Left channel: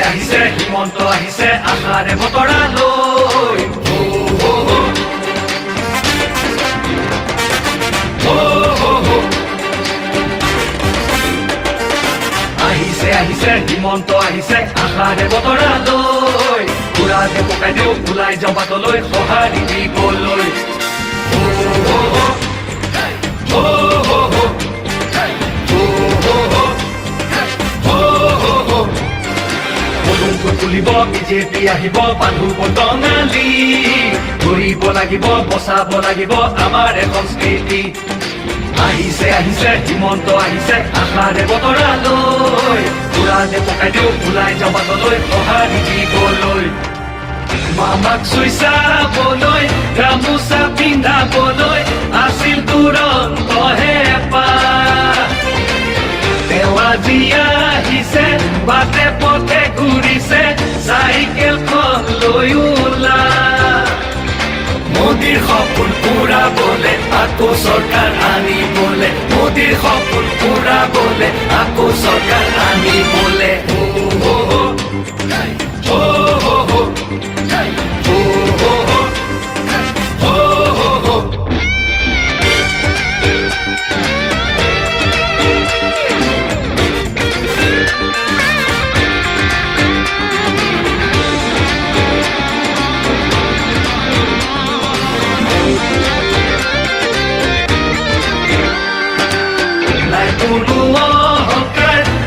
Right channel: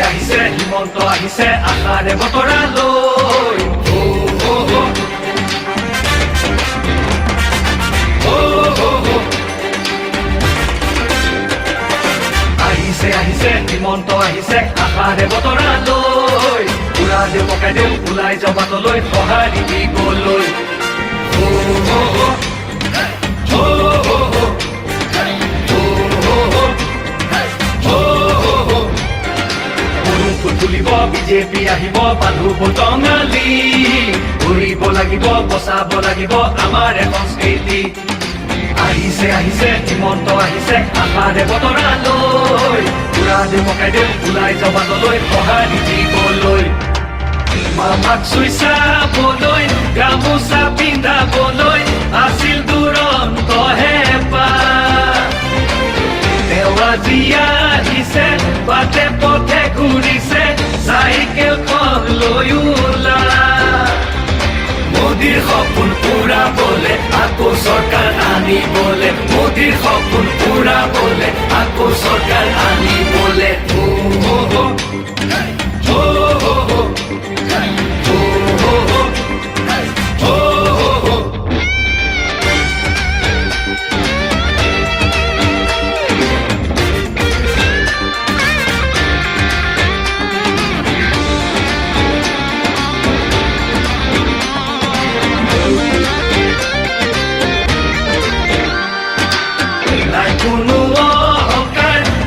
আহিছে হিমন্ত আহিছে আশাৰে বতৰা লৈ আহিছে হিমন্ত আহিছে আশাৰে বতৰা লৈ পুৰা দে পকাই দেও ওলাই যাওঁ বাটলৈ সঁহাৰি দিবলৈ তুলিব বিজেপি আহিব বান্ধু বটঙালী ঘূৰিব লাগিব বচাব লাগিব আমাৰ সংস্কৃতি আহিছে হিমন্ত আহিছে আশাৰে বতৰা লৈ পুৰা দে পকাই দেও ওলাই যাওঁ বাটলৈ সঁহাৰি দিবলৈ মামাক চুই চাবলৈ গামোচা পিন্ধাবলৈ আছিল দুৰন্ত হেঁপাহ তেওঁ আজি আহিছে বাটে পথে ঘূৰিছে চাইকেলখন লৈ ওলা মোদীৰ সপোন পুৰাবলে আকৌ চৰকাৰ আনিবলে মোদীৰ সপোন পুৰাবলে আকৌ চৰকাৰ আনিবলে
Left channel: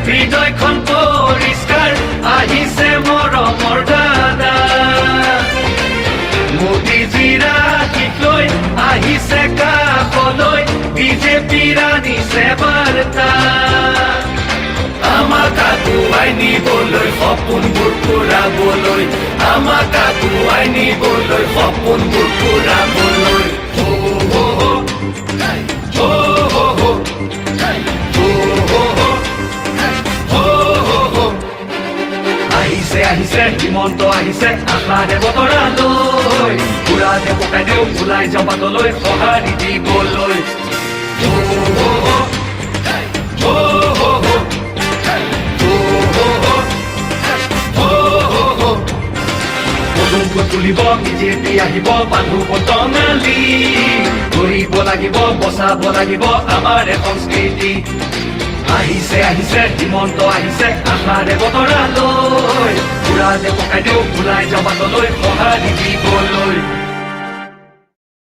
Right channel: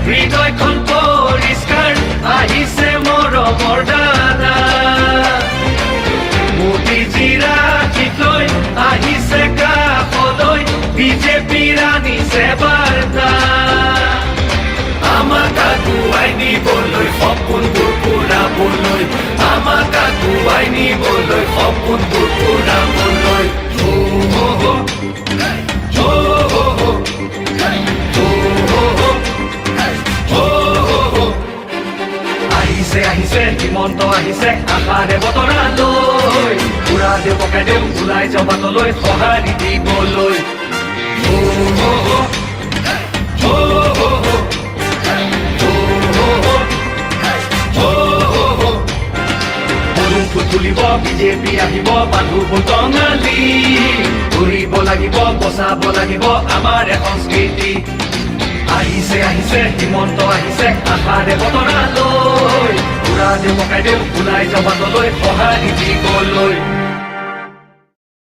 হৃদয়খন পৰিষ্কাৰ আহিছে মৰমৰ দাদা মোদীজীৰ আশীষ লৈ আহিছে কাষলৈ বিজেপিৰ আনিছে বাৰ্তা আমাক আগুৱাই নিবলৈ সপোনবোৰ পুৰাবলৈ আমাক আগুৱাই নিবলৈ সপোনবোৰ পুৰাবলৈ আহিছে হিমন্ত আহিছে আশাৰে বতৰা লৈ পুৰা দে পকাই দেও ওলাই যাওঁ বাটলৈ সঁহাৰি দিবলৈ তুলিব বিজেপি আহিব বান্ধু বটঙালী ঘূৰিব লাগিব বচাব লাগিব আমাৰ সংস্কৃতি আহিছে হিমন্ত আহিছে আশাৰে বতৰা লৈ পুৰা দে পকাই দেও ওলাই যাওঁ বাটলৈ সঁহাৰি দিবলৈ